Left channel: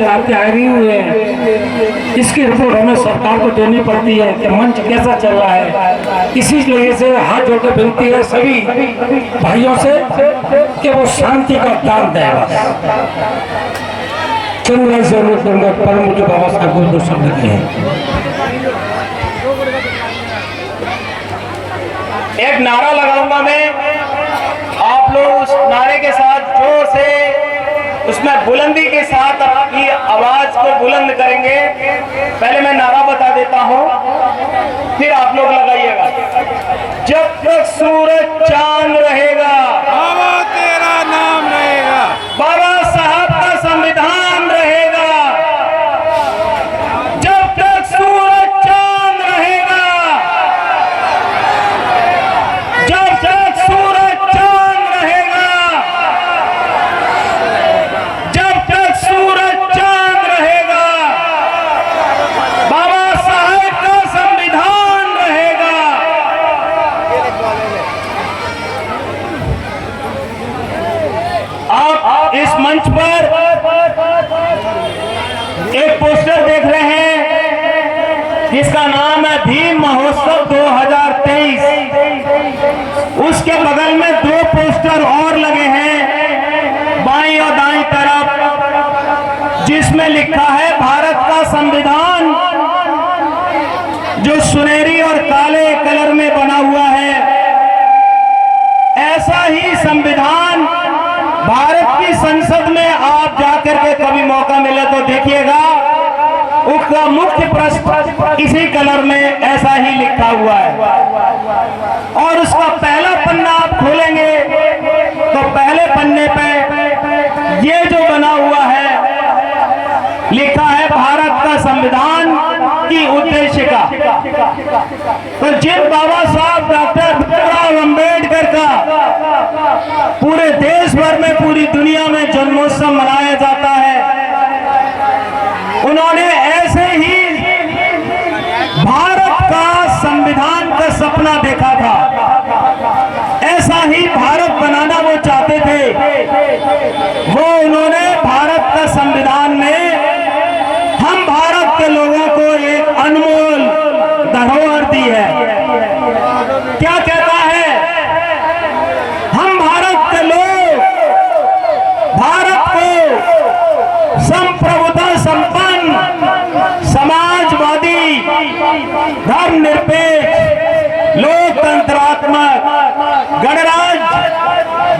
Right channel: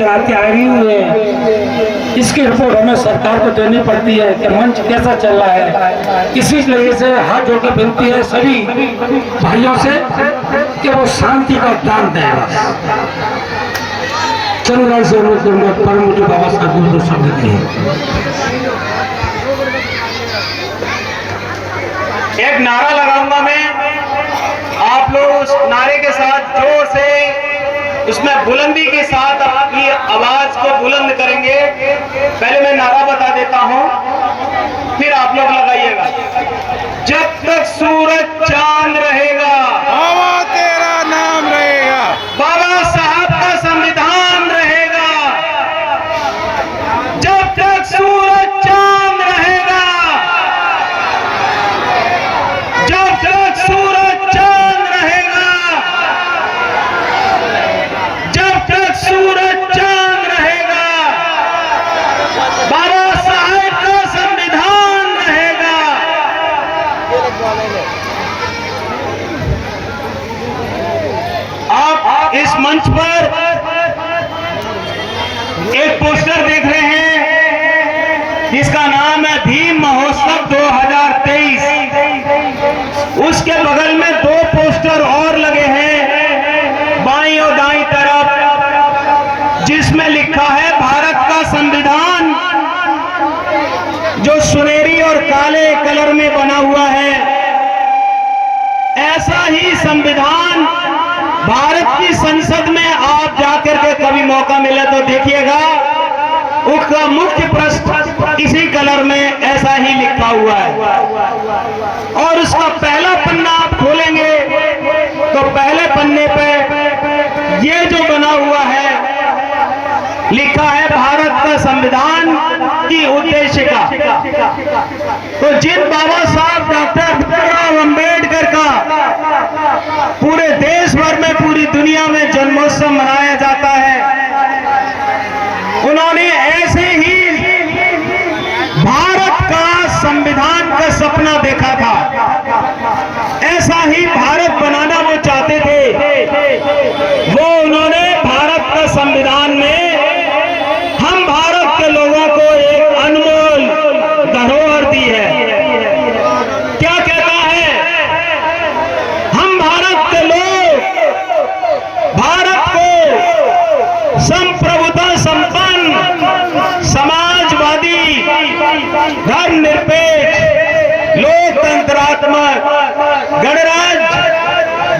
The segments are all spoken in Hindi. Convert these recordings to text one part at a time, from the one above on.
चलाते आ रही हुए हैं, इसकी रिपोर्ट हमें सरकार को देनी पड़ती है कि मंच कैसा चल रहा है। इसी लिए से हाथ जोड़ के विनती है सभी भाइयों से कि वो शांति का दान दें। चंद्रा से परम पूज्य बाबा साहब को शब्द दिए। एक नारा लगाऊंगा मैं, आप लोग उस नारे के साथ जोर से, उसमें बुलंदी के साथ अपनी आवाज को बुलंद करेंगे। पहले मैं नारा बता देता हूं, फिर आप लोग लगाइएगा। जब तक सूरज चांद रहेगा, बाबा तेरा नाम रहेगा, बाबा साहब का संविधान रहेगा। जब तक सूरज चांद रहेगा, जब तक सूरज चांद रहेगा, जब तक सूरज चांद रहेगा, बाबा साहब का संविधान रहेगा। आप इस मंच पर एक पोस्टर देख रहे हैं जिसका नाम है भीम महोत्सव 2023। उसके बगल में दो पोस्टर और लगे हैं बाईं और दाईं तरफ, जिसमें लिखा है भारत का संविधान, जो सुनहरी और काले कलर में बना हुआ है। ऐसा ही संविधान भारत की संसद में आप जाकर के कभी मौका मिले तो देखिएगा, उसका मुख्य पृष्ठ इसी कलर में ऐसा ही लिखा हुआ है। और उसका पहला पन्ना आप खोलेंगे तो पहले पन्ने पे ये जो बना हुआ है लिखा है भारत का संविधान की उद्देशिका। तो जिन बाबा साहब डॉक्टर भीमराव अंबेडकर का पूरे देश भर में, पूरी दुनिया में जन्मोत्सव मनाया जाता है, उन्होंने ऐसे ही भारत का संविधान का सपना देखा था। ऐसा ही भारत बनाना वो चाहते थे। वो उन्होंने भारत का संविधान में हम भारत के लोगों को एक अनमोल धरोहर दी है। क्या कहता है? हम भारत के लोग भारत को संप्रभुता संपन्न, समाजवादी, धर्मनिरपेक्ष, लोकतंत्रात्मक गणराज्य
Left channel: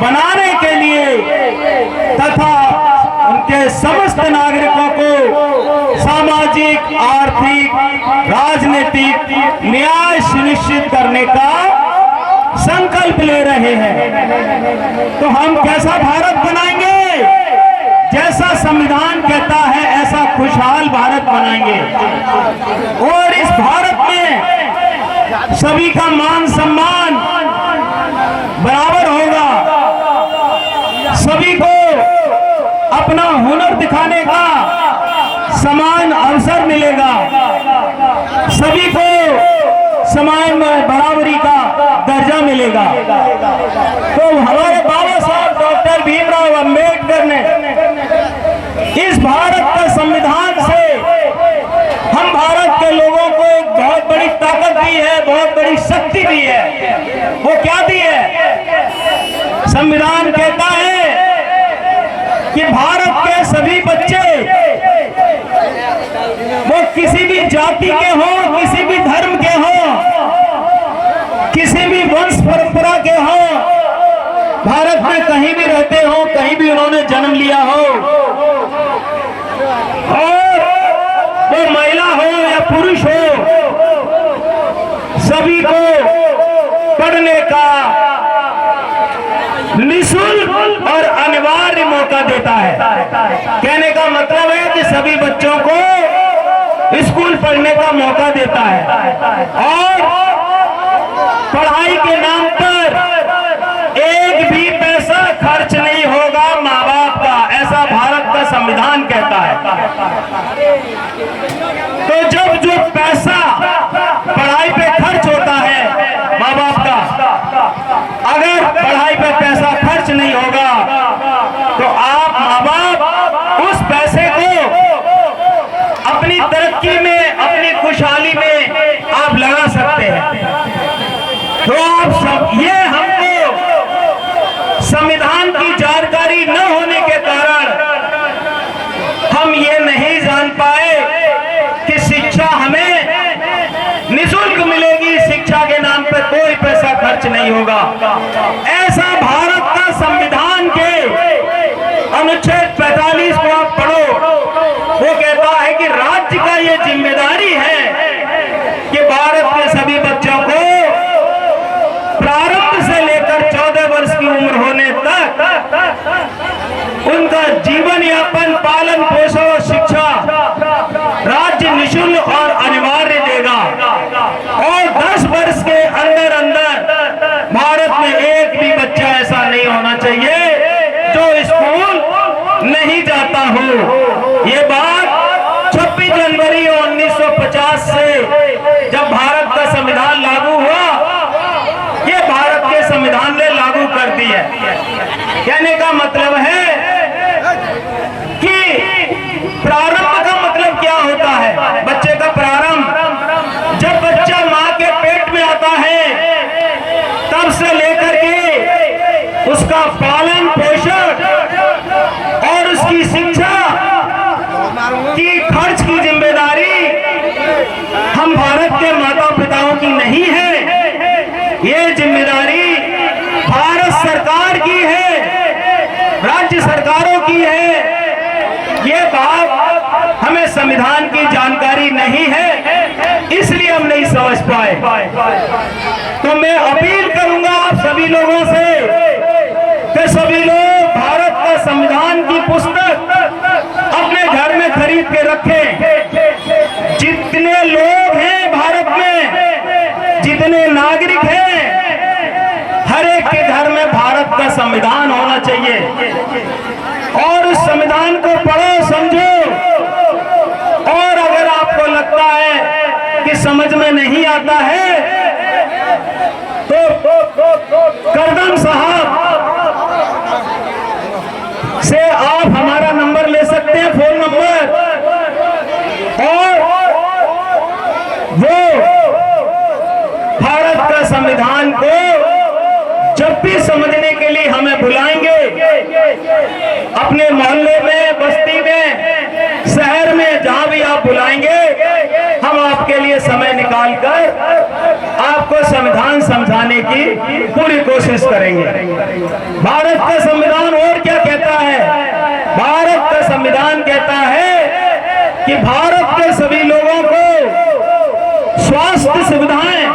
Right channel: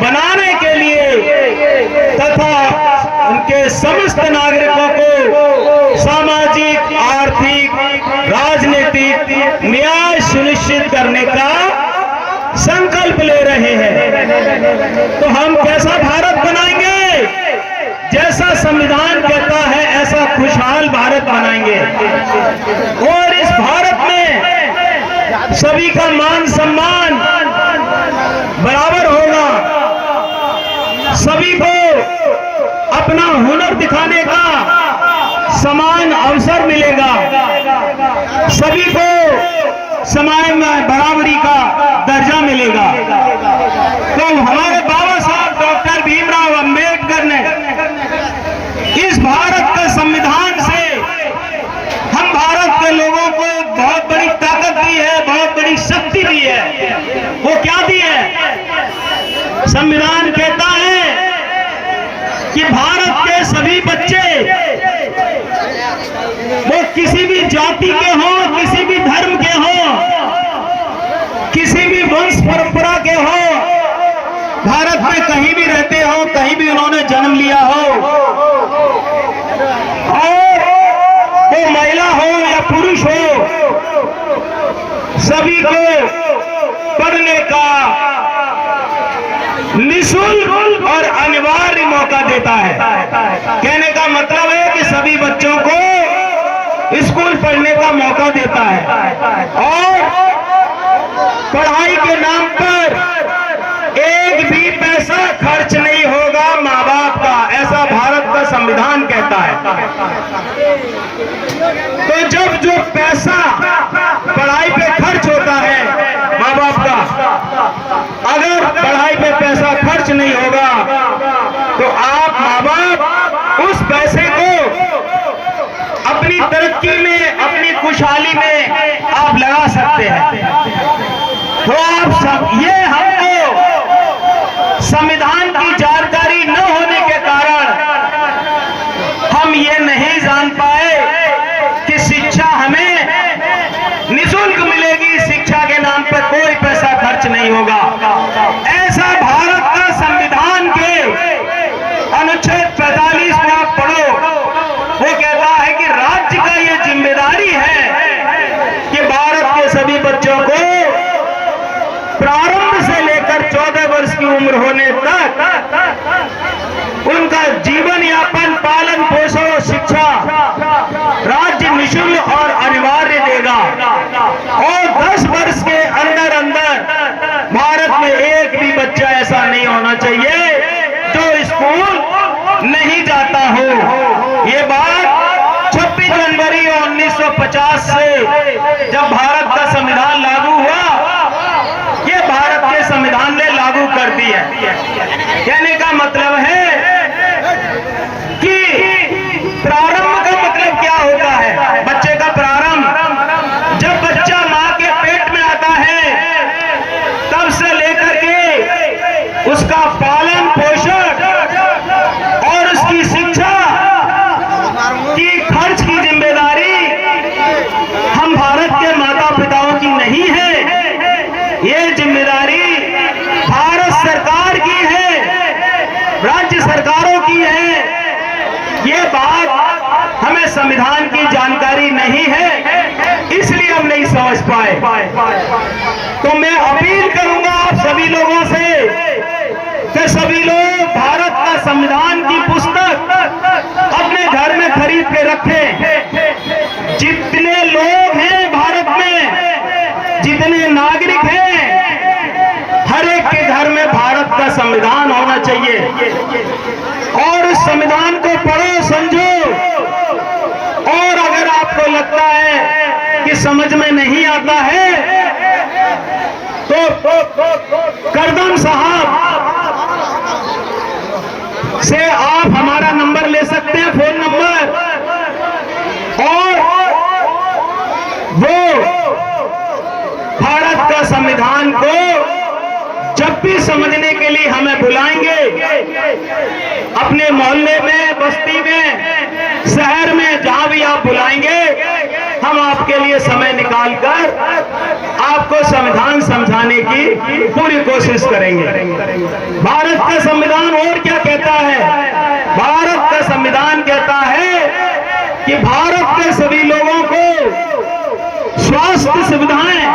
बनाने के लिए तथा उनके समस्त नागरिकों को सामाजिक, आर्थिक, राजनीतिक न्याय सुनिश्चित करने का संकल्प ले रहे हैं। तो हम कैसा भारत बनाएंगे? जैसा संविधान कहता है ऐसा खुशहाल भारत बनाएंगे। और इस भारत में सभी का मान सम्मान बराबर होगा, सभी को अपना हुनर दिखाने का समान अवसर मिलेगा, सभी को समाज में बराबरी का दर्जा मिलेगा। तो हमारे बाबा साहब डॉक्टर भीमराव अंबेडकर ने इस भारत का संविधान से हम भारत के लोगों को एक बहुत बड़ी ताकत दी है, बहुत बड़ी शक्ति दी है। वो क्या दी है? संविधान कहता है कि भारत के सभी बच्चे, वो किसी भी जाति के हों, किसी भी धर्म के हों, किसी भी वंश परंपरा के हों, भारत में कहीं भी रहते हो, कहीं भी उन्होंने जन्म लिया हो, और वो महिला हो या पुरुष हो, सभी को पढ़ने का निःशुल्क और अनिवार्य मौका देता है। कहने का मतलब है कि सभी बच्चों को स्कूल पढ़ने का मौका देता है और पढ़ाई के नाम पर एक भी पैसा खर्च नहीं होगा माँ बाप का, ऐसा भारत का संविधान कहता है। तो जब जो पैसा पढ़ाई पे खर्च होता है माँ बाप का, अगर पढ़ाई पे पैसा खर्च नहीं होगा तो आप माँ बाप उस पैसे को तरक्की में, अपनी खुशहाली में आप लगा सकते हैं। तो आप सब ये हमको संविधान की जानकारी न होने के कारण हम ये नहीं जान पाए कि शिक्षा हमें निःशुल्क मिलेगी, शिक्षा के नाम पर कोई पैसा खर्च नहीं होगा। ऐसा भारत का संविधान के अनुच्छेद 45 को आप पढ़ो, वो कहता है कि राज्य का ये जिम्मेदारी है कि भारत के सभी बच्चों को प्रारंभ से लेकर 14 वर्ष की उम्र होने तक उनका जीवन यापन, पालन पोषण और शिक्षा राज्य निःशुल्क और अनिवार्य देगा। और 10 वर्ष के अंदर अंदर भारत में एक भी बच्चा ऐसा नहीं होना चाहिए जो स्कूल नहीं जाता हो। ये बात 26 जनवरी 1950 से जब भारत का संविधान लागू हुआ, ये भारत के संविधान ने लागू कर दी है। कहने का मतलब है कि प्रारंभ का मतलब क्या होता है? बच्चे का प्रारंभ जब बच्चा मां के पेट में आता है तब से लेकर के उसका पालन पोषण और उसकी शिक्षा की खर्च की जिम्मेदारी हम भारत के माता पिताओं की नहीं है, ये जिम्मेदारी भारत सरकार की है, राज्य सरकारों की है। ये बात हमें संविधान की जानकारी नहीं है, इसलिए हम नहीं समझ पाए। तो मैं अपील करूंगा आप सभी लोगों से कि सभी लोग भारत का संविधान की पुस्तक अपने घर में खरीद के रखें। जितने लोग हैं भारत में, जितने नागरिक हैं, हर एक के घर में भारत का संविधान होना चाहिए। और उस संविधान को पढ़ो, समझो। और अगर आपको लगता है कि समझ में नहीं आता है तो करदम साहब से आप हमारा नंबर ले सकते हैं, फोन नंबर, और वो भारत का संविधान को जब भी समझने के लिए हमें बुलाएंगे, अपने मोहल्ले में, बस्ती में, शहर में, जहां भी आप बुलाएंगे, हम आपके लिए समय निकालकर आपको संविधान समझाने की पूरी कोशिश करेंगे। भारत का संविधान और क्या कहता है? भारत का संविधान कहता है कि भारत के सभी लोगों को स्वास्थ्य सुविधाएं,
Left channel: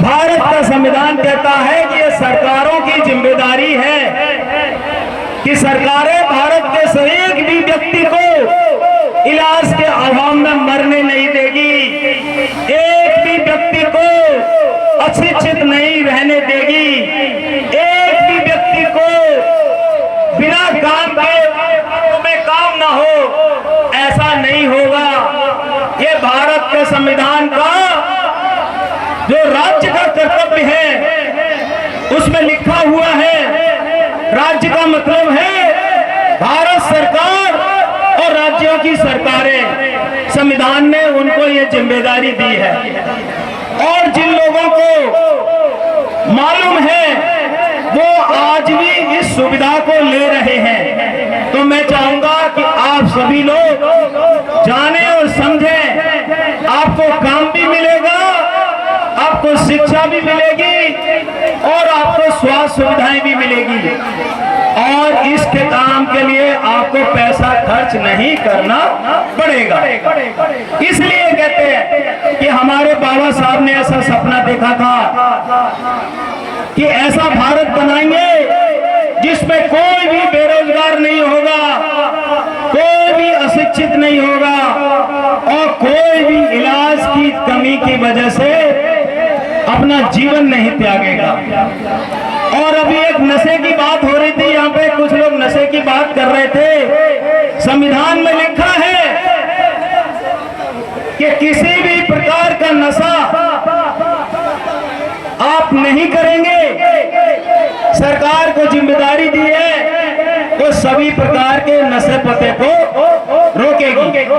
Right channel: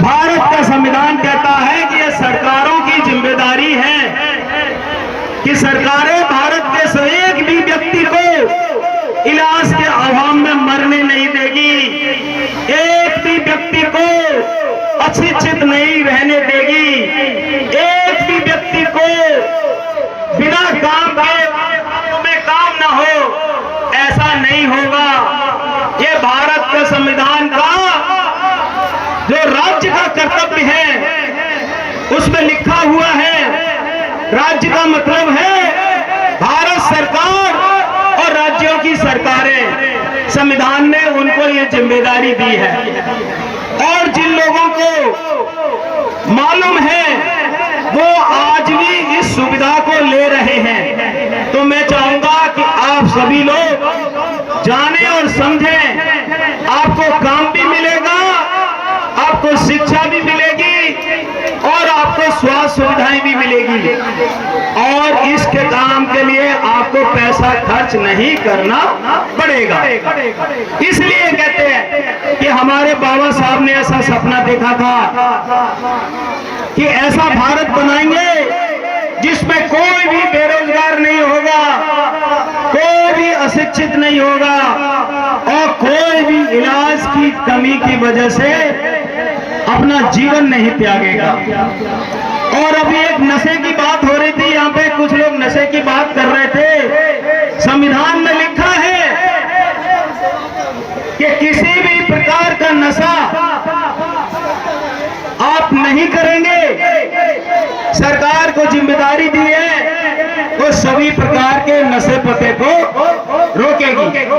भारत का संविधान कहता है कि यह सरकारों की जिम्मेदारी है कि सरकारें भारत के एक भी व्यक्ति को इलाज के अभाव में मरने नहीं देगी, एक भी व्यक्ति को अशिक्षित नहीं रहने देगी, एक भी व्यक्ति को बिना काम के में काम ना हो, ऐसा नहीं होगा। ये भारत के संविधान का जो राज्य का कर्तव्य है उसमें लिखा हुआ है। राज्य का मतलब है भारत सरकार और राज्यों की सरकारें। संविधान ने उनको ये जिम्मेदारी दी है। और जिन लोगों को मालूम है वो आज भी इस सुविधा को ले रहे हैं। तो मैं चाहूंगा कि आप सभी लोग जाने और समझें। आपको काम भी मिलेगा, आपको शिक्षा भी मिलेगी और आपको स्वास्थ्य सुविधाएं भी मिलेगी। और इसके काम के लिए आपको पैसा खर्च नहीं करना पड़ेगा। इसलिए कहते हैं कि हमारे बाबा साहब ने ऐसा सपना देखा था कि ऐसा भारत बनाएंगे जिसमें कोई भी बेरोजगार नहीं होगा, कोई भी अशिक्षित नहीं होगा और कोई भी इलाज की कमी की वजह से अपना जीवन नहीं त्यागेगा। और अभी एक नशे की बात हो रही थी, यहाँ पे कुछ लोग नशे की बात कर रहे थे। संविधान में लिखा है कि किसी भी प्रकार का नशा आप नहीं करेंगे। सरकार को जिम्मेदारी दी है तो सभी प्रकार के नशे पते को रोके। रोकेगी,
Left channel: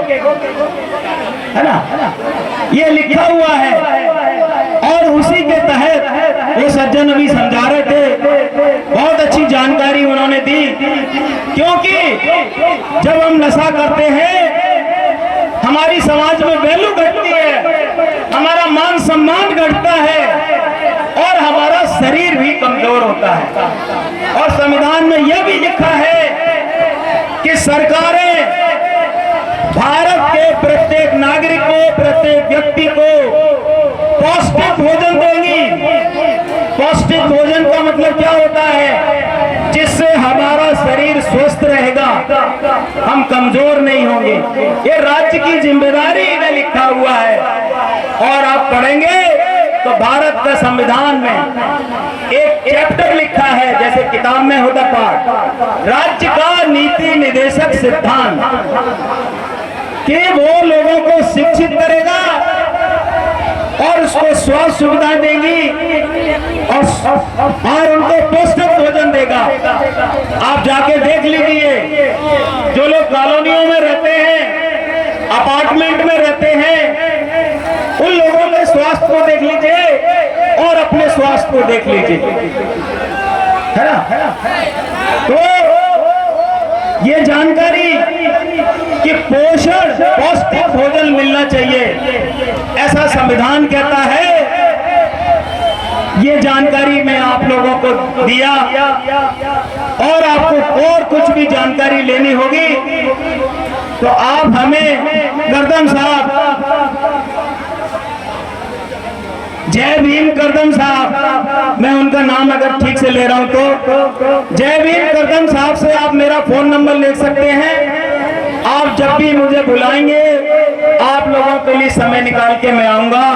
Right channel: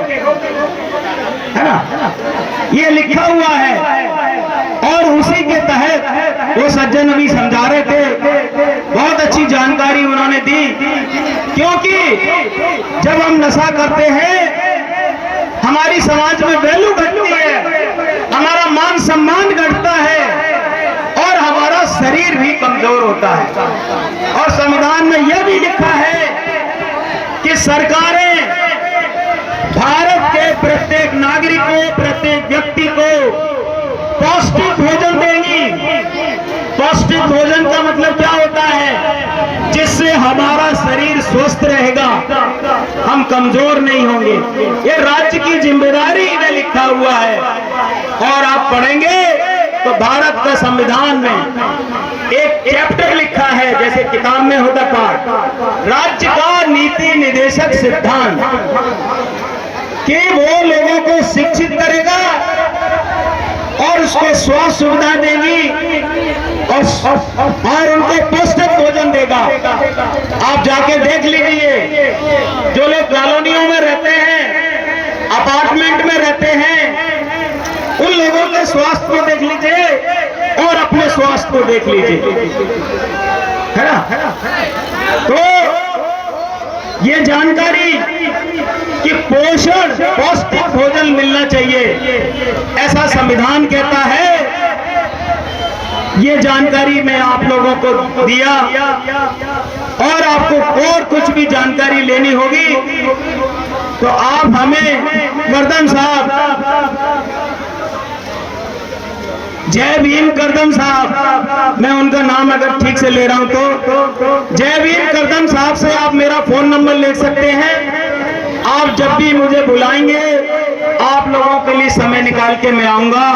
है ना, ये लिखा हुआ है। और उसी के तहत वो सज्जन अभी समझा रहे थे, बहुत अच्छी जानकारी उन्होंने दी। क्योंकि जब हम नशा करते हैं हमारी समाज में वैल्यू घटती है, हमारा मान सम्मान घटता है और हमारा शरीर भी कमजोर होता है। और संविधान में यह भी लिखा है कि सरकारें भारत के प्रत्येक नागरिक को, प्रत्येक व्यक्ति को पौष्टिक भोजन देंगी। पौष्टिक भोजन का मतलब क्या होता है? जिससे हमारा शरीर स्वस्थ रहेगा, हम कमजोर नहीं होंगे। ये राज्य की जिम्मेदारी में लिखा हुआ है। और आप पढ़ेंगे तो भारत का संविधान में एक चैप्टर लिखा है, जैसे किताब में होता पाठ, राज्य का नीति निर्देशक सिद्धांत, कि वो लोगों को शिक्षित करेगा और उसको स्वास्थ्य सुविधा देगी और उनको पौष्टिक भोजन देगा। आप जाके देख लीजिए, जो लोग कॉलोनियों में रहते हैं, अपार्टमेंट में रहते हैं, उन लोगों के स्वास्थ्य को देख लीजिए और अपने स्वास्थ्य को देख लीजिए, है ना। तो ये जानकारी कि पोषण, पौष्टिक भोजन मिलना चाहिए, ऐसा संविधान कहता है। ये जानकारी मैं आप लोगों को दिया। और आपको और कुछ भी जानकारी लेनी होगी तो आप हमें, करदम साहब, जय भीम करदम साहब, मैं उनका नाम अगर ठीक से ले रहा हूं तो जय भीम करदम साहब से आप मेरा फोन नंबर ले सकते हैं। आप जब भी मुझे बुलाएंगे, आप लोगों के लिए समय निकाल के मैं आऊंगा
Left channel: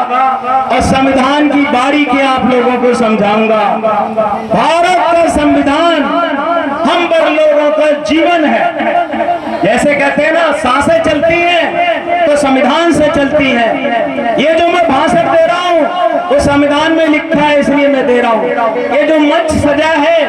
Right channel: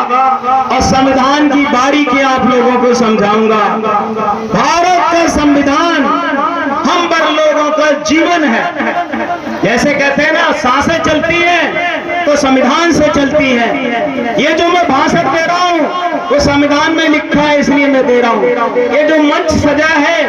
और संविधान की बारीकी आप लोगों को समझाऊंगा। भारत का संविधान हम पर लोगों का जीवन है। जैसे कहते हैं ना, सांसें चलती हैं तो संविधान से चलती है। ये जो मैं भाषण दे रहा हूँ वो संविधान में लिखा है, इसलिए मैं दे रहा हूँ। ये जो मंच सजा है,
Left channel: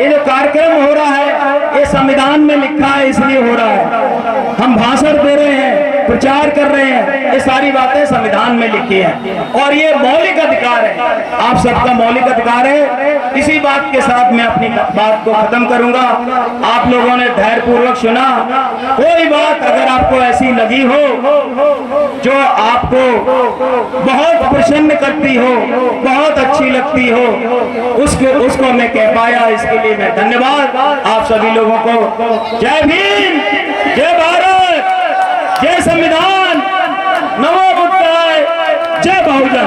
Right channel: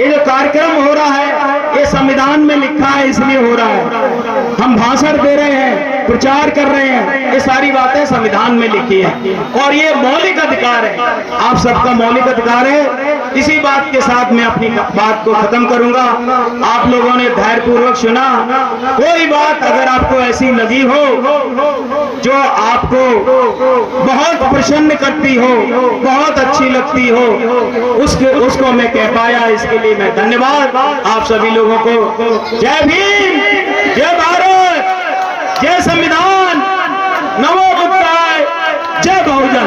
ये जो कार्यक्रम हो रहा है, ये संविधान में लिखा है, इसलिए हो रहा है। हम भाषण दे रहे हैं, प्रचार कर रहे हैं, ये सारी बातें संविधान में लिखी है। और ये मौलिक अधिकार है, आप सबका मौलिक अधिकार है। इसी बात के साथ मैं अपनी बात को खत्म करूंगा। आप लोगों ने धैर्यपूर्वक सुना। कोई बात अगर आपको ऐसी लगी हो जो आपको बहुत प्रसन्न करती हो, बहुत अच्छी लगती हो, उसको मैं कह पाया, इसके लिए मैं धन्यवाद आप सभी लोगों को। जय भीम, जय भारत, जय संविधान, नमो बुद्धाय, जय बहुजन।